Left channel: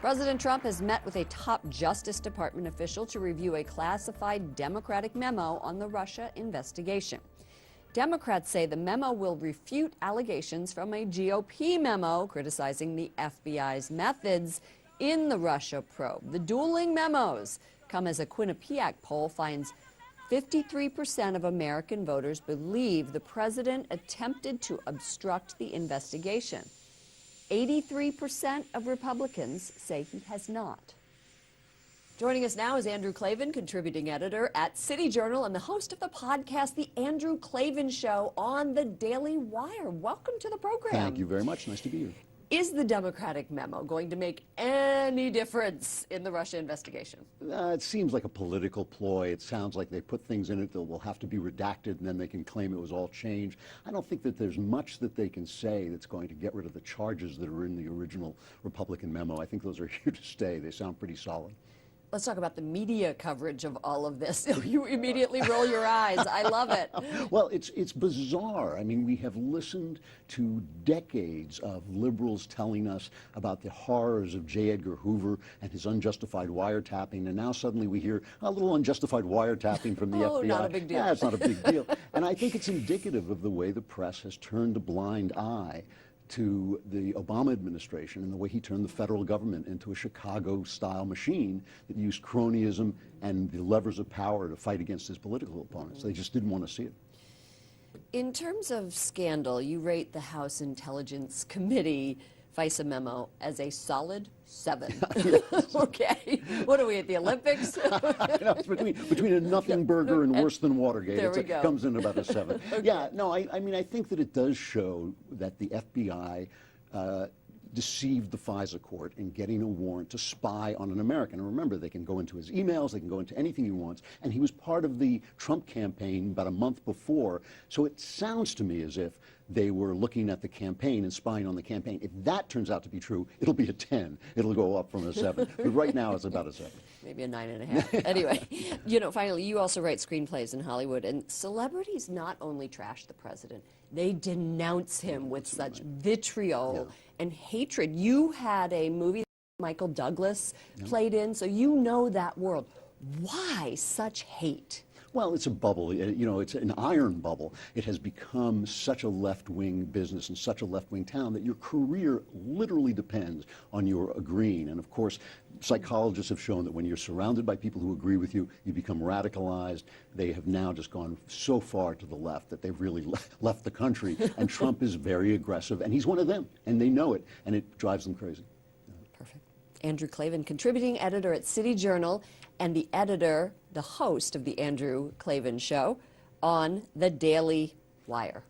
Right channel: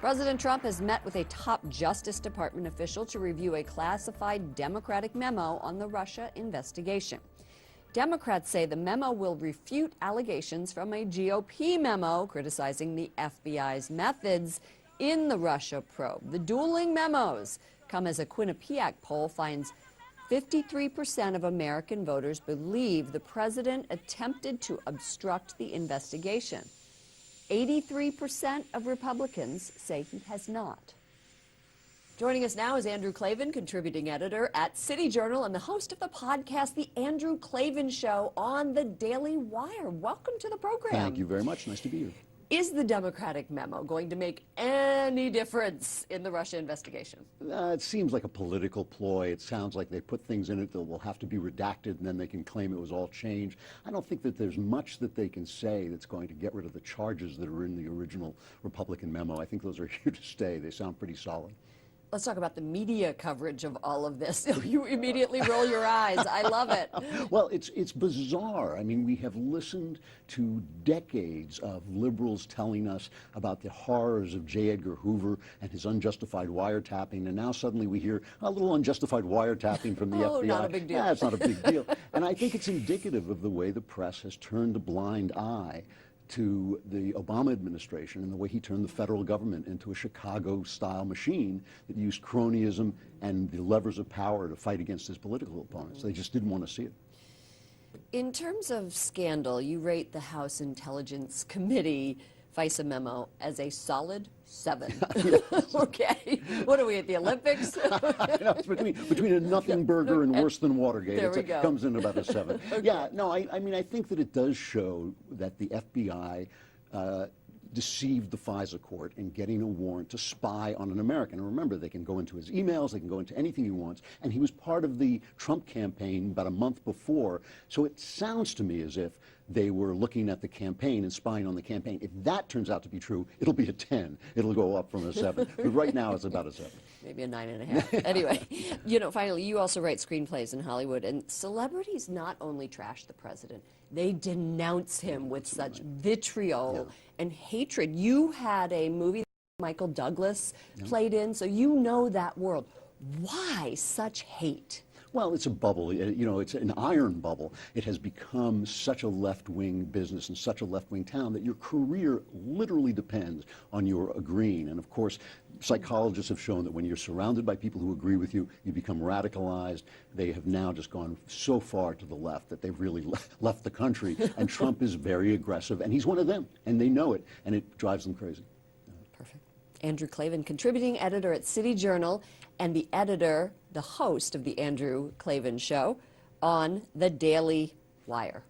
President Trump has met with a top Justice Department official to review a classified Democratic memo on the Russia investigation. Democrats say the memo will refute allegations from a GOP memo criticizing the FBI's methods in the Russia probe. The dueling memos come as a Quinnipiac poll finds 53% of American voters believe the president attempted to obstruct the investigation. 83% of Republicans say he has not. Joining us now is Andrew Klavan, contributing editor at City Journal and the host of the podcast, The Andrew Klavan Show on the Daily Wire. Welcome to the program. Thank you very much. Nice to be here. Is the Democratic memo going to make any difference in the Russia investigation? It seems like a political ploy. It sounds like they put things in it that will have to be redacted, and then they can claim it was all changed. I don't think that there's much that they can say that's going to get rid of the charges that are in the original Republican memo. I think those are here to stay. They sound pretty solid. Let's talk about the media coverage of all of this. You immediately roll your eyes. I love it. Well, it's bizarre. I mean, we have listened to decades of liberals telling us about the horrors of J. Edgar Hoover and his unjustified wiretapping, and now suddenly we hear a little unjustified wiretapping from the FBI. Not a big deal. Yeah, it's not a big deal. And I think it's indicative of the way the press has turned a blind eye to the Obama administration and the way he turned the federal government into a Chicago-style machine that used cronyism and the levers of power to fight against his political opponents. They just didn't want to see it. In terms of scandal, you rate the House Intelligence Committee FISA memo as a solid 7. Okay. What are we at the Olympics? Yeah, it's between a nothing burger and worse than Watergate. It comes in about a 7. Okay. Yeah, no, I mean, I think that it does show that the FBI deceived the FISA court in getting a warrant to spy on an American. And remember, they can go into his emails, they can go into anything he wants, and he was part of the Trump campaign about a month before. So it sounds to me as if they were looking at the campaign and spying on the campaign. If that turns out to be true, it'll be a 10. It'll go up from a 7. But right now, it's about a 7. Maybe a 9.5. Anyway, finally, you also write screenplays in Hollywood, and celebrities not only trash the president, they denounce him with such vitriol and hatred. You had a movie that Michael Douglas played in, so you know that world. Why such hate? Well, it's a bubble. It's an iron bubble. It has become such a left-wing business and such a left-wing town that your career literally depends on your agreeing. And of course, psychologists have shown that when you're surrounded by people who agree with you, you become radicalized. They have now just gone so far to the left that they've really left the country. And Trump is very aggressive, and he's one of them, and they know it, and it drives them crazy. Perfect. Andrew Klavan, contributing editor at City Journal, and the host of the Andrew Klavan Show on the Daily Wire.